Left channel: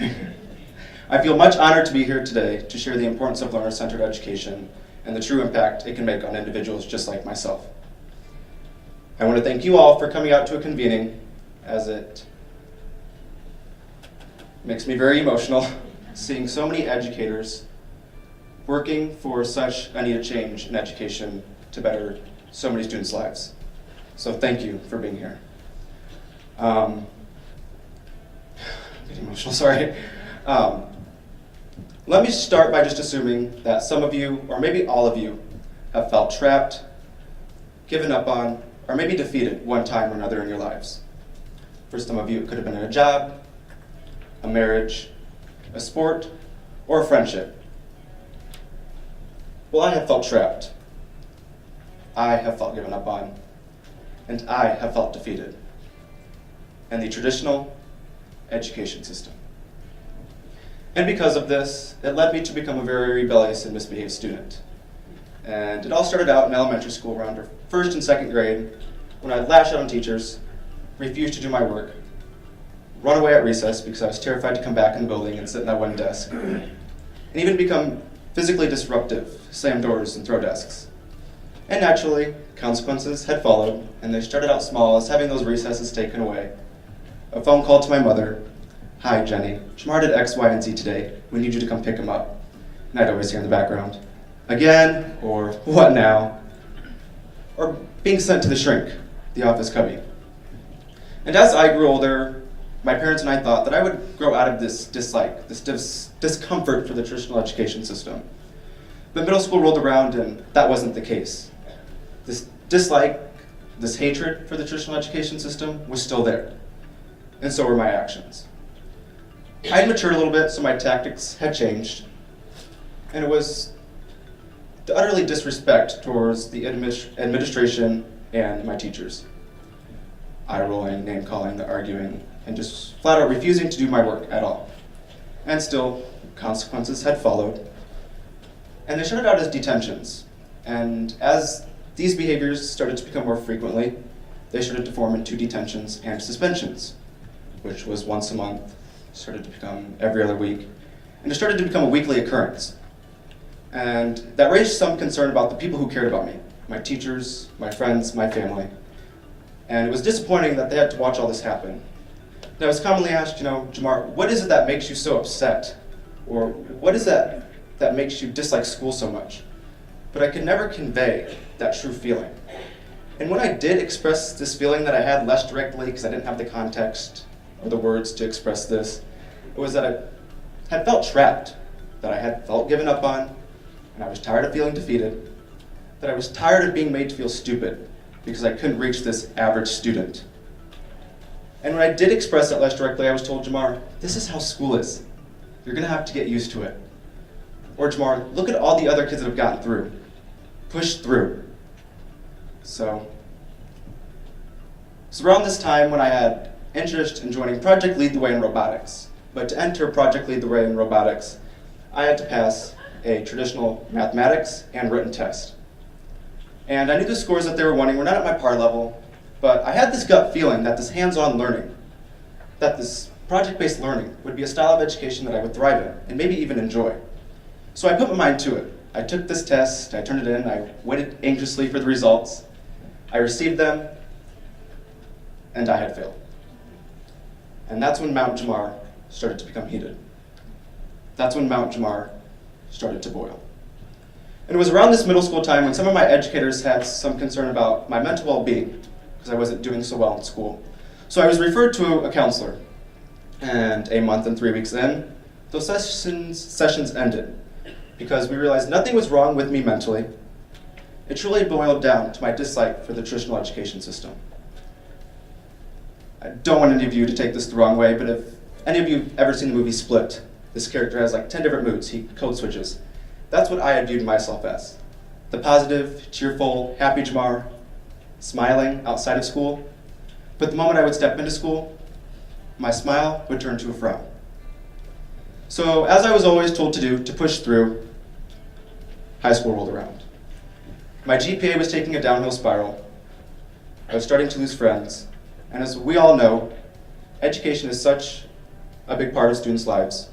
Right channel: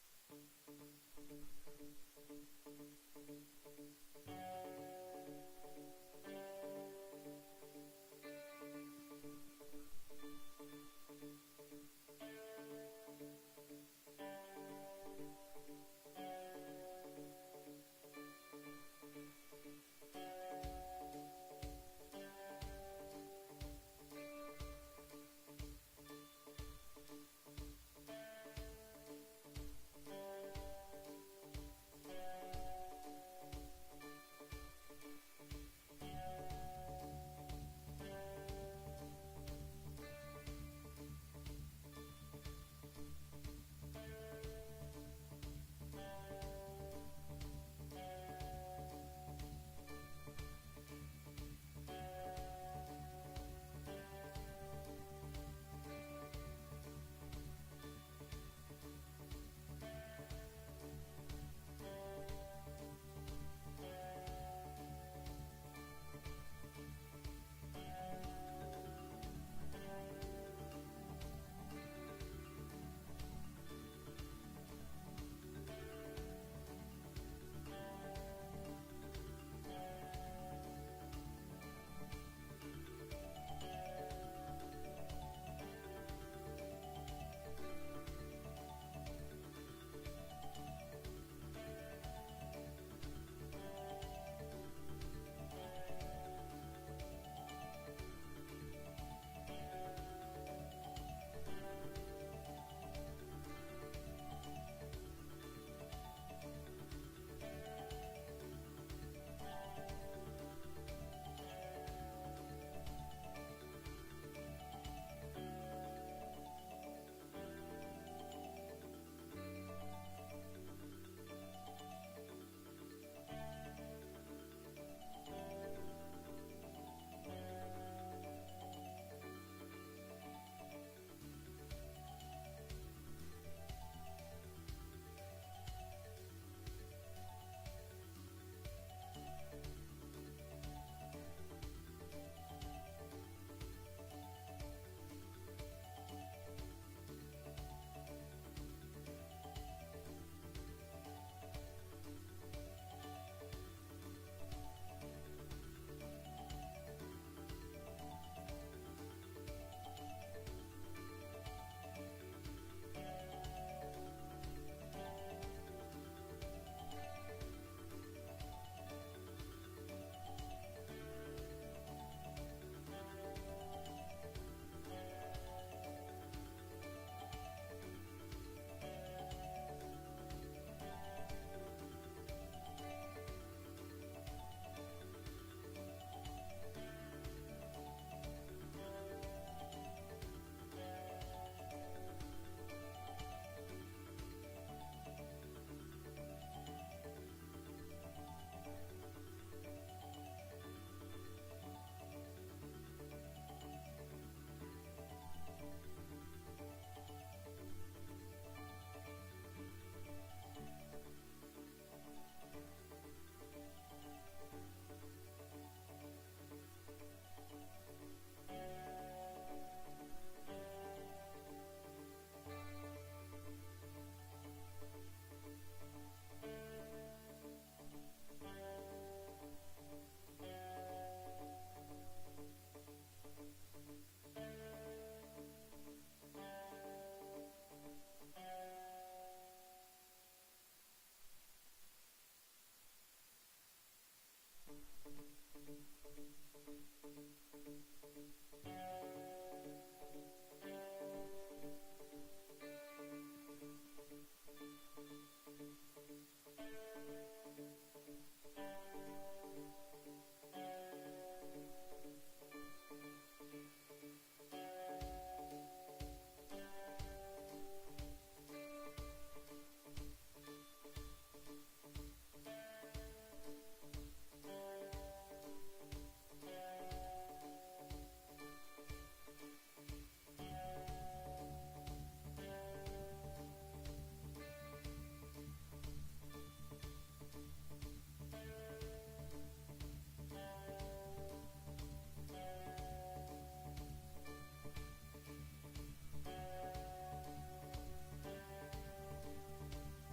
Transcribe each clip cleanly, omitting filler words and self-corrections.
I feel much honored to be here today to share the importance of learner-centered education and the true impact it can make on individuals just like myself. I want to thank you all for coming out to a convening, as it makes me very emotional seeing so many educators working for such a needed change in education to better so many students' lives. So thank you for being here. I'm getting emotional, sorry. Let me start by just assuming that some of you, or maybe all of you, have felt trapped, given up on, or maybe defeated one time or another in your lives. For some of you, it could have been a job, a marriage, a sport, or a friendship. Well, I have felt trapped. I have felt given up on, and I have felt defeated in the traditional education system. And because of this, it led me to become a very rebellious and misbehaved student. And it all started out in elementary school around first and second grade, when I'd lash out on teachers, refuse to do my work, run away at recess because I was terrified to come back in the building and sit in that one desk, and even become physically disruptive, slam doors and throw desks. And naturally, consequences had followed, and they started out small as having those recesses taken away. A phone call to my mother, "Hi Jenny, Jemar did X, Y, and Z today. We need you to come pick him up." And I'd always hear in the background, "Again?" or "What now?" Or being sent to the shrink, the office cubby. And as I grew older, my parents and I thought that I would grow out of this dislike, this discomfort for the traditional education system. But middle school rolled around and that wasn't the case. This dislike, this hatred for the traditional education system was still there. And so were my actions. I had matured a little bit, so my tactics had changed. And it was the utterly disrespect towards the administration and my teachers. Eye-rolling, name-calling, the arguing, and just flat out refusing to do my work at all. And still, consequences had followed. And they started out as detentions. And as these behaviors started to become more frequently, they started to form into detentions and suspensions, which was once a month, started to become every other week, and it started to become a weekly occurrence. And that raised some concern about the people who cared about me, my teachers, my friends, my family. And it was disappointing that they had to watch all this happen. And I was commonly asked, Jemar, what is it that makes you so upset? Or what is that makes you dislike school so much? But I could never convey that true feeling. And when I did express this feeling that I had less directly, because I didn't have the context or the words to express this, it was that I had felt trapped, that I had felt given up on, and I was tired of feeling defeated, that I was tired of being made to feel stupid because I couldn't reach this average student. And when I did express it less directly, I was told, Jemar, this is how school is. You're gonna have to get used to it. Or Jemar, look at all the other kids that have gotten through. Push through. So around this time when I had interest in joining Project Lead the Way in robotics. But to enter Project Lead the Way in robotics, I had to pass a traditional mathematics and written test. And I knew the scores that they were wanting were not at my par level, but I had this gut feeling that this hands-on learning, that this project-based learning would be a style of education that I would thrive in, and maybe even enjoy. So I put my mind to it. I took this test, I turned it in, I waited anxiously for the results. I received them, and I had failed. And that's when Mount Jemar started to become heated. That's when Mount Jemar started to boil. And it was around this middle school time when some of my educators had some concern about my mental well-being, because I wasn't doing so well in school. So I was referred to a counselor. And a month and 3 weeks in, those sessions ended, because we realized nothing was wrong with me mentally. It truly boiled down to my dislike for the traditional education system. I don't want any of you to take this the wrong way, but if any of you have ever seen the movie Split, this character has like 10 different moods, he code switches. That's what I had viewed myself as. The positive, cheerful, happy Jemar, smiling outside of school. But the moment I would step into school, my smile would turn to a frown. So as I was always told to do, to push through, high school rolled around. My GPA was taking a downhill spiral. I was starting to lose friends. And as we all know, education is such a big part of students' lives,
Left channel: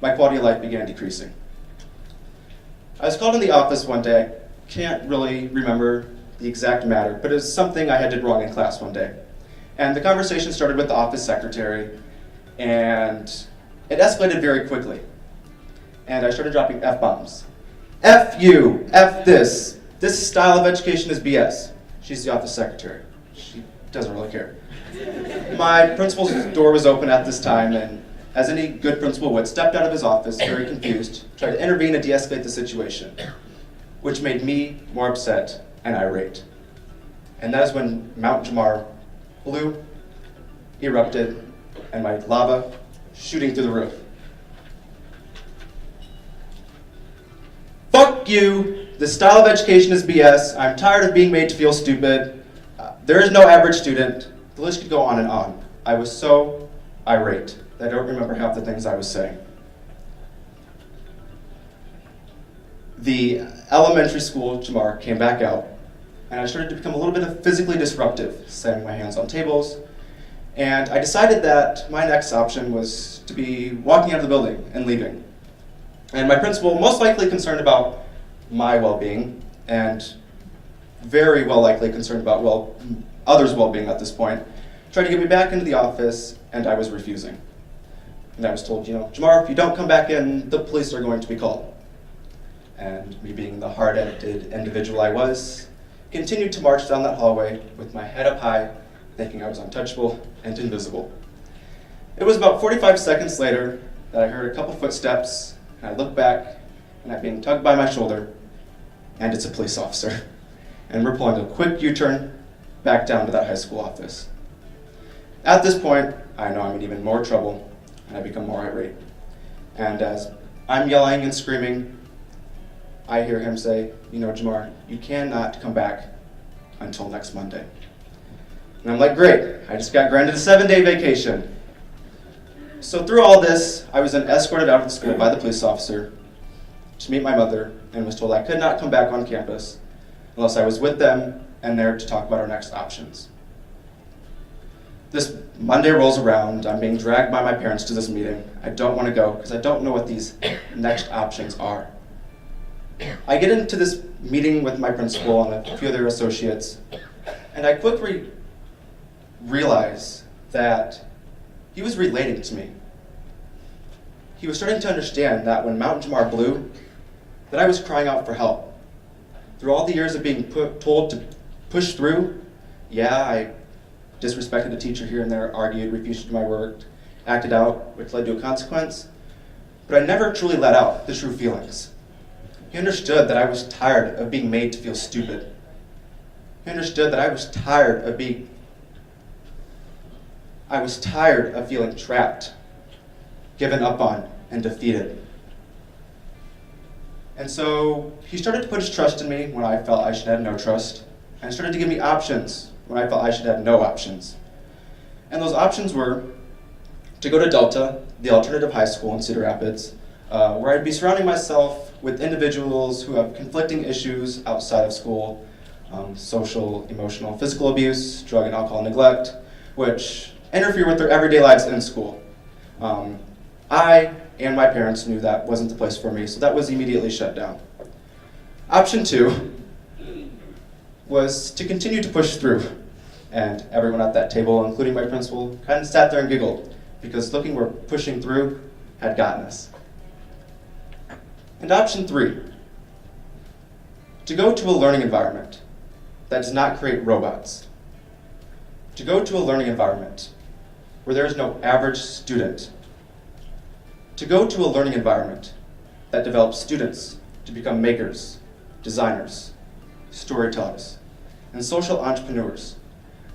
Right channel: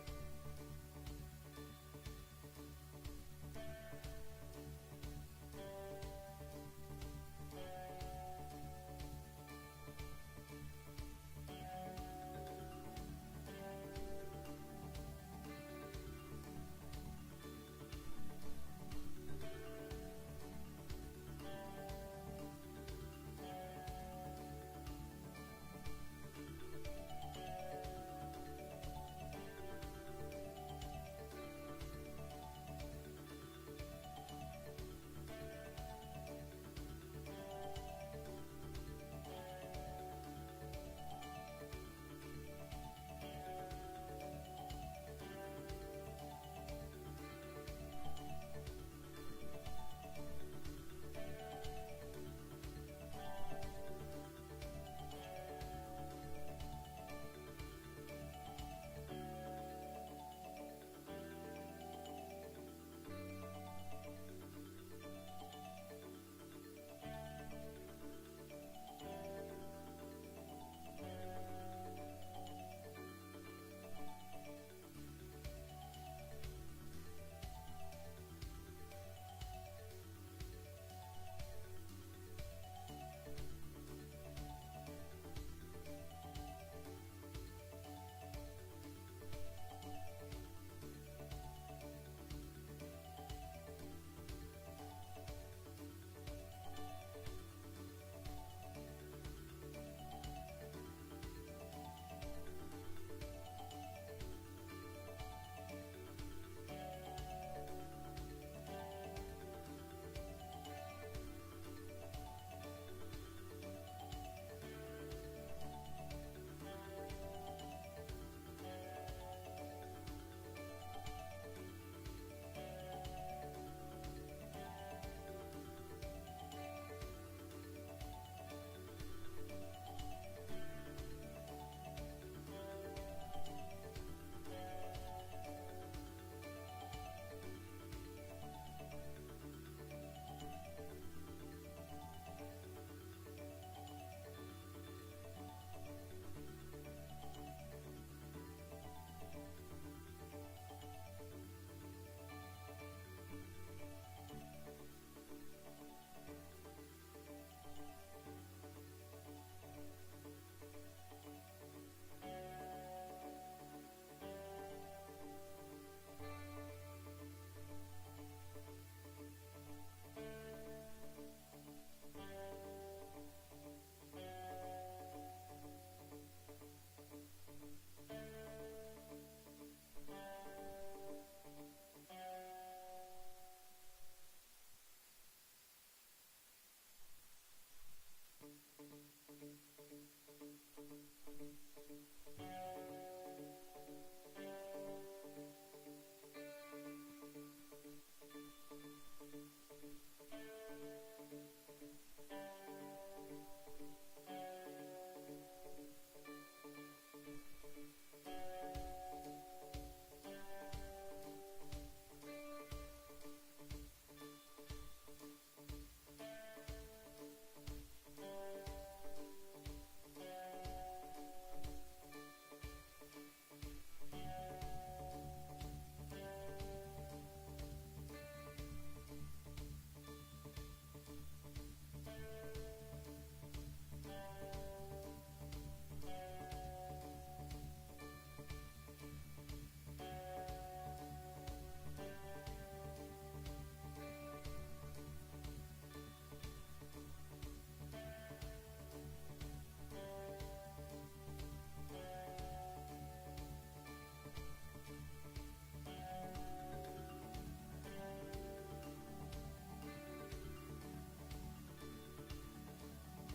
my quality of life began decreasing. I was called in the office one day. I can't really remember the exact matter, but it was something I had did wrong in class one day. And the conversation started with the office secretary, and it escalated very quickly. And I started dropping F-bombs. F you, F this style of education is BS. She's the office secretary. She doesn't really care. My principal's door was open at this time, and as any good principal would, stepped out of his office, very confused, tried to intervene and de-escalate the situation, which made me more upset and irate. And that is when Mount Jemar blew, erupted, and my lava shooting through the roof. Fuck you! This style of education is BS. I'm tired of being made to feel stupid. There is no average student. The list could go on and on. I was so irate that I don't remember half the things I was saying. The elementary school, Jemar, came back out, and I started to become a little bit physically disruptive, slamming my hands on tables, and I decided that my next option was to be walking out of the building and leaving. And my principal, most likely concerned about my well-being, and very well likely concerned about, others' well-being at this point, tried to get me back into the office, and I was refusing. And I was told, Jemar, if you don't come back in, the police are going to be called. And me being the hard-headed individual I was, continued to march down that hallway with my head up high, thinking I was untouchable and invisible. It was about 45 seconds later that I heard a couple footsteps, and I looked back, and I'm being tugged by my shoulder, and it's a police officer. And we're pulling a quick U-turn back down to that high school office. At this point, I know I'm in even more trouble, and I become more irate. And as I'm yelling and screaming, I hear him say, Jemar, you cannot come back until next Monday. And I'm like, great, I just got granted a 7-day vacation. So through all this, I was then escorted out of the school by the police officer to meet my mother, and was told I could not come back on campus unless I was with them and there to talk about our next options. This Monday rolls around, I'm being dragged by my parents to this meeting. I don't want to go because I don't know what these next options are. I get into this meeting with my principal and a few other associates, and I quickly realize that he was relating to me. He was starting to understand that when Mount Jemar blew, that I was crying out for help. Through all the years of being told to push through, I disrespected a teacher here and there, argued, refused to do my work, acted out, which led to a consequence, but I never truly let out the true feelings. He understood that I was tired of being made to feel stupid. He understood that I was tired of feeling trapped, given up on, and defeated. And so he started to put his trust in me when I felt I should have no trust, and started to give me options when I felt I should have no options. And those options were to go to Delta, the alternative high school in Cedar Rapids, where I'd be surrounding myself with individuals who have conflicting issues outside of school, social, emotional, physical abuse, drug and alcohol neglect, which interfere with their everyday lives in school. I and my parents knew that wasn't the place for me, so that was immediately shut down. Option 2 was to continue to push through, and everyone at that table, including my principal, kind of sat there and giggled, because looking where pushing through had gotten us. And option 3, to go to a learning environment that does not create robots. To go to a learning environment where there is no average student. To go to a learning environment that develops students to become makers, designers, storytellers, and social entrepreneurs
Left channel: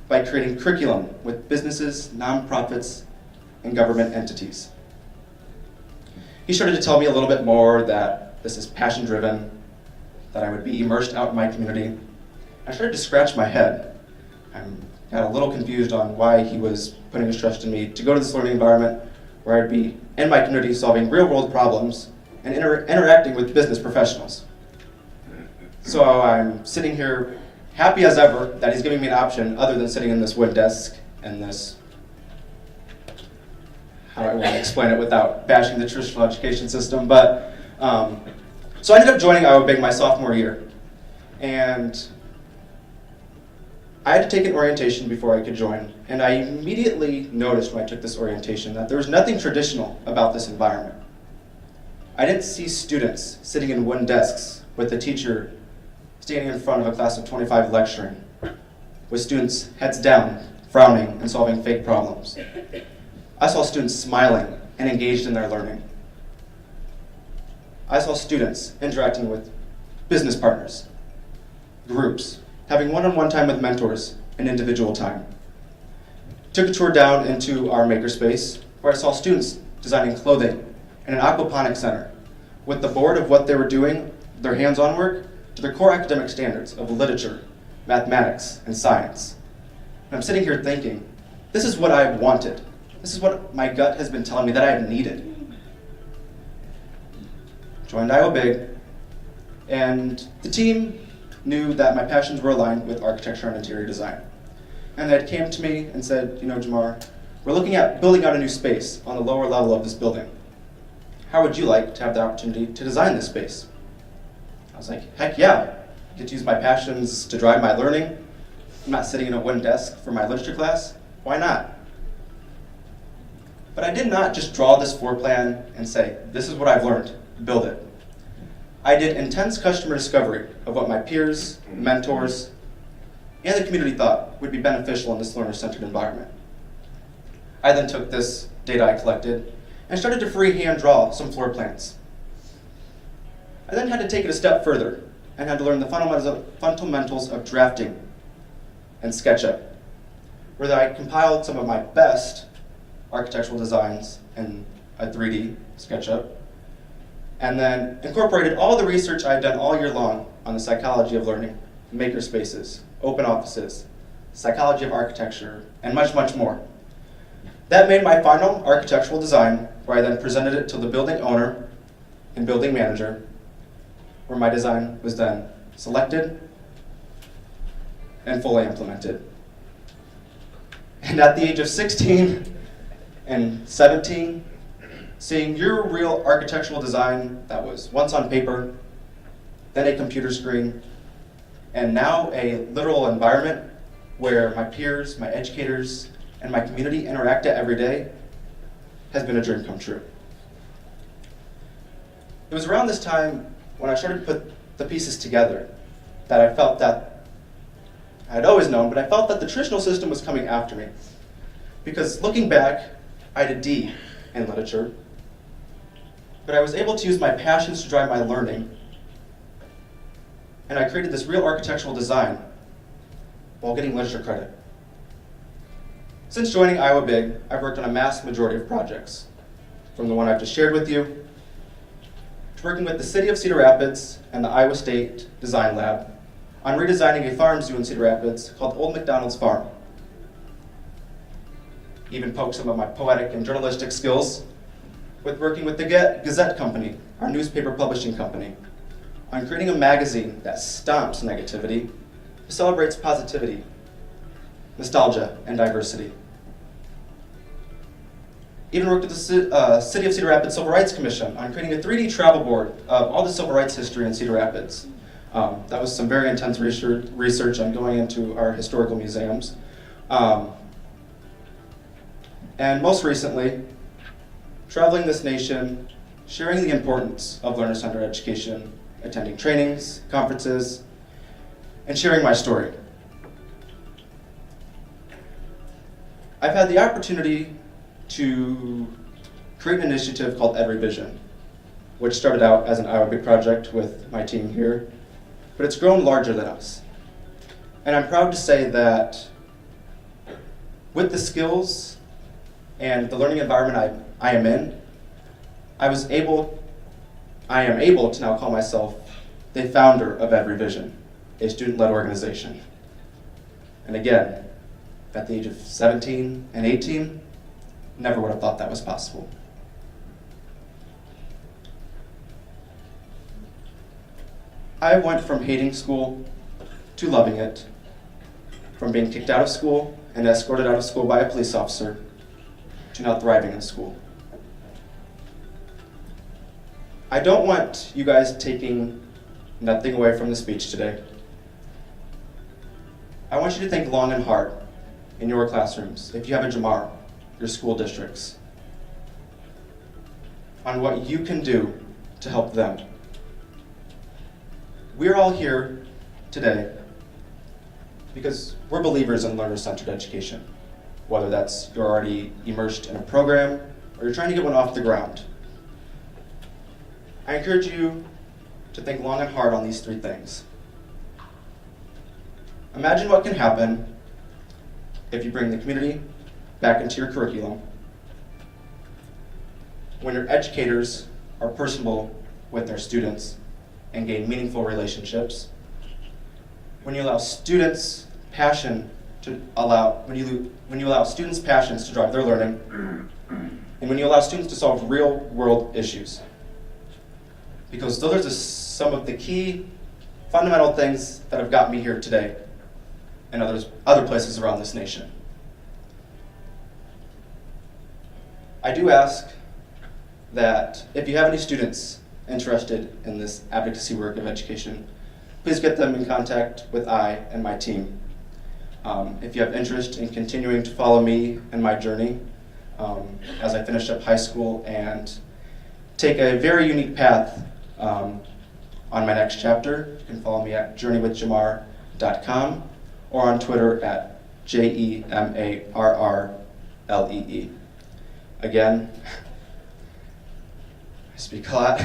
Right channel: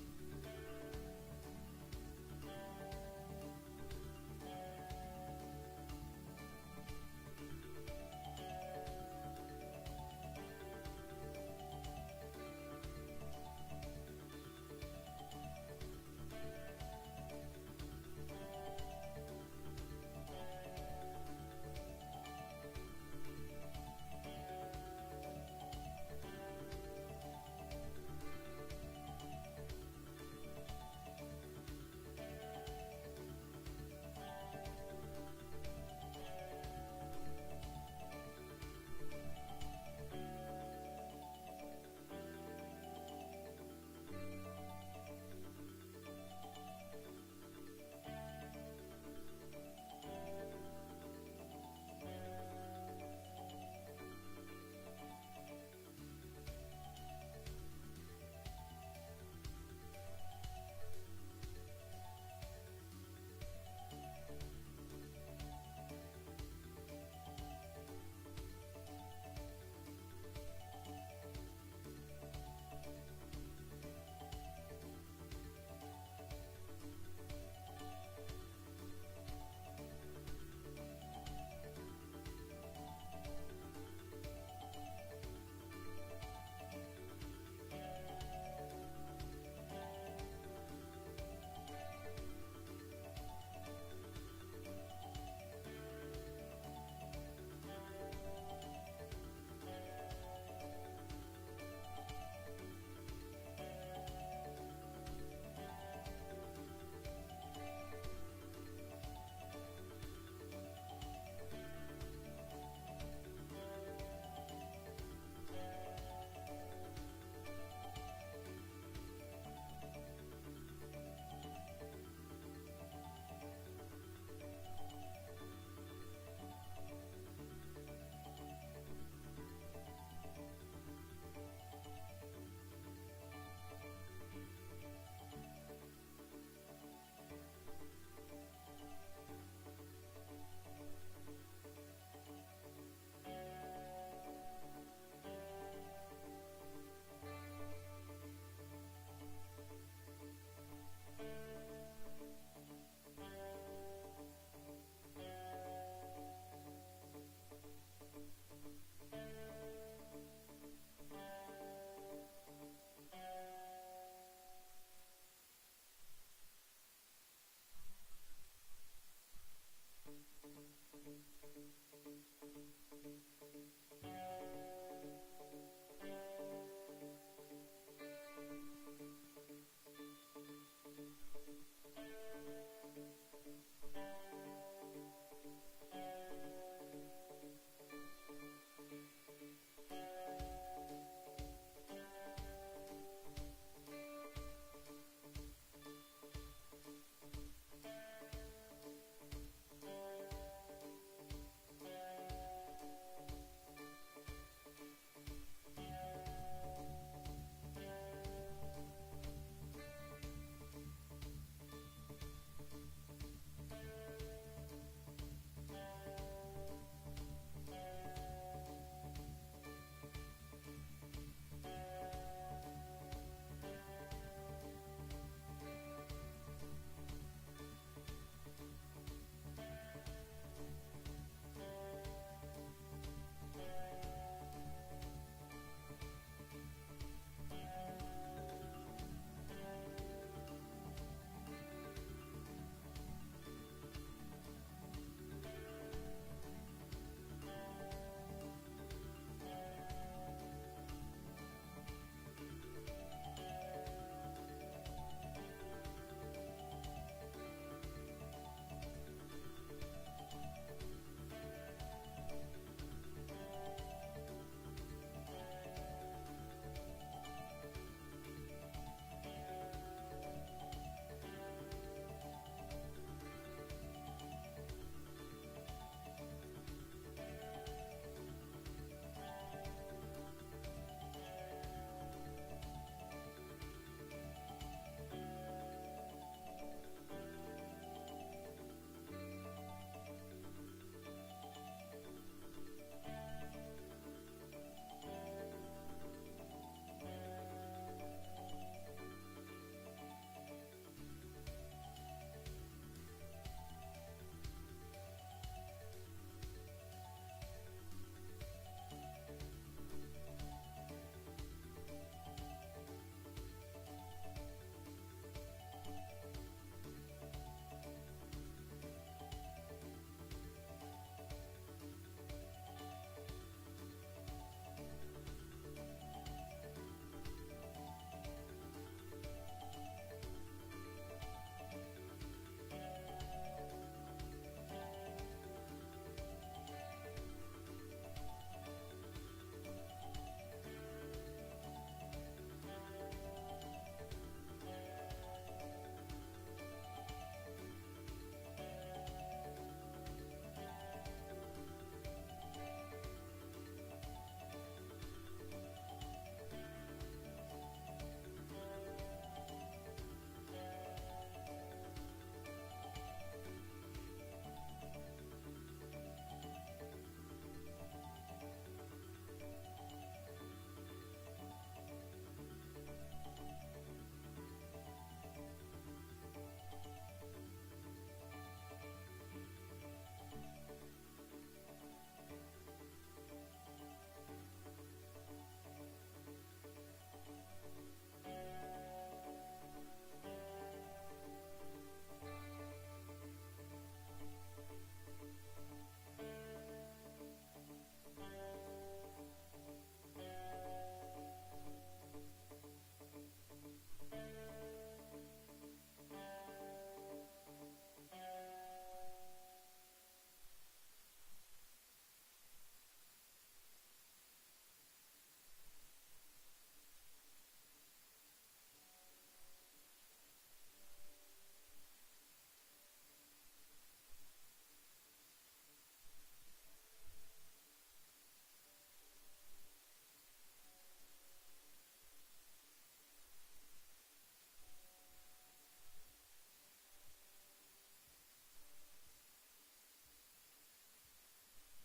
by creating curriculum with businesses, nonprofits, and government entities. He started to tell me a little bit more that this is passion-driven, that I would be immersed out in my community. I started to scratch my head. I got a little confused on why he was putting his trust in me to go to this learning environment where I'd be in my community solving real-world problems and interacting with business professionals. So I'm sitting here happy as ever that he's giving me an option other than sitting in this wood desk and this how I want to explain it without bashing the traditional education system. But so I ended up joining Iowa Big my sophomore year, and I had to take an orientation before I could join, and I immediately noticed when I took this orientation that there was nothing traditional about this environment. I didn't see students sitting in wooden desks with the teacher standing in front of a class of 25 lecturing, with students heads down, frowning, and solving fake problems. I saw students smiling and engaged in their learning. I saw students interacting with business partners, groups, having one-on-one time with mentors and individual time. Took a tour down into our makerspace where I saw students designing clothing in an aquaponics center with the board of what they were doing, their hands-on work, to their core academic standards of literature, mathematics, and science. And I'm sitting here thinking, this is what I wanted. This is what my gut has been telling me that I have needed. Joined Iowa Big, and the team knew that my passions were aligned with architecture and interior design. And they came to me and said, you know, Jemar, we're looking at building out a new space on the lower level of this building. How would you like to have the opportunity to design this space? I was like, heck yeah. I get to use my passions to drive my learning. I'm not sitting in a wooden desk for my literature class. Why not? But I did not just draw this floor plan and say, this is what I've learned, build it. I did intense customer discovery of what my peers, mentors, and the community thought would be beneficial in this learner-centered environment. I then took this data I collected and started to freehand draw some floor plans. I then had to take it a step further and had to learn the fundamentals of drafting and SketchUp, where I compiled some of my best architectural designs in a 3D SketchUp, and then incorporated all the research I had done all year long on the psychology of learning, makerspaces, open offices, psychology of architecture, and much, much more. That made my final architectural design, where I then presented it to the building owner and building manager, where my design was then selected and fully implemented. And at the age of 16 and 17, seeing your real architectural design that was once on paper, then a computer screen, and now a literal environment where my peers, my educators, and my community interact at every day has been a dream come true. It was around this time when I started to put the pieces together that I felt that I had always known, but I felt that the traditional system was coming after me. Because looking back, I had a D in literature, but I was able to use my passions to drive my learning, and I created this real architectural design while getting literature credit. Since joining Iowa Big, I've worked on a mass majority of projects, from the one I've just shared with you, to working with the City of Cedar Rapids and the Iowa State Design Lab on redesigning a farm zoo in Cedar Rapids called Old McDonald's Farm. Even poked some of my poetic and journalistic skills with working with the Gazette Company, our newspaper publishing company, on creating a magazine that stomps negativity, celebrates positivity, nostalgia, and diversity. Even worked with the City of Cedar Rapids Civil Rights Commission on creating a 3D travel board of all the civil rights history in Cedar Rapids. That was some very intense research on going into our historical museums. And most recently, traveling this nation, sharing the importance of learner-centered education, attending trainings, conferences, and sharing my story. I've had the opportunity to create an initiative called EveryVision, which started out as an Iowa Big project with my team here, but it's grown larger than us. And I'm proud to say that with the skills and the learning environment I am in, I am able to now call myself the founder of EveryVision, a student-led organization. And again, at the age of 17 and 18, never would have thought that was possible. I went from hating school to loving it, from being kicked out of school and escorted out of school by a police officer to now thriving in school. I don't want you guys taking nothing away from the speech today. I want you to think long and hard in your classrooms, if you have a Jemar, your school districts, on what you can do to help them. We're all here today because we're believers in learner-centered education, whether that's you're already immersed in a program or you're trying to get one off the ground. I encourage you to think long and hard on these three things. Imagine what can happen if you bring the community back into your curriculum, when your educators are personable with their students and gain meaningful relationships, when you allow students passion to when you allow students' passions to drive their learning, and when you allow students to solve real-world issues. Because those are some of the key fundamental things that have got me here today and other places around this nation. I do ask that if you have any students interested in this advocacy work of education, please get them in contact with I and my team. If you have interest in continuing to follow me and my journey as I finish up high school and take a very unique path on my next chapter, you can follow me at journeywithjemar.com or on Twitter at JEMARRLEE. Again, I speak a lot,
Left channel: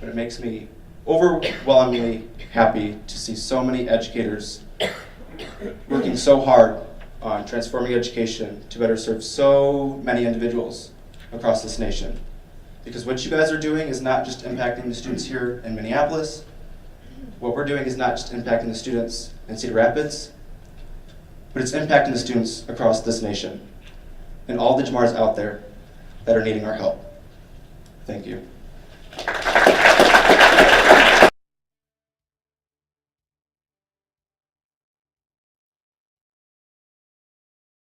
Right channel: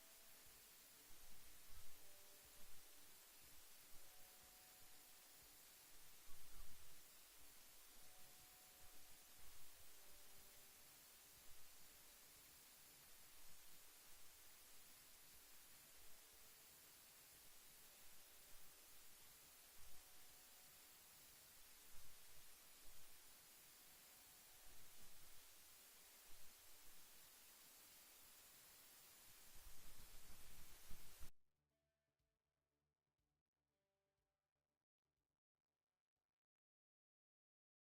but it makes me overwhelmingly happy to see so many educators working so hard on transforming education to better serve so many individuals across this nation. Because what you guys are doing is not just impacting the students here in Minneapolis. What we're doing is not just impacting the students in Cedar Rapids, but it's impacting the students across this nation and all the Jemars out there that are needing our help. Thank you.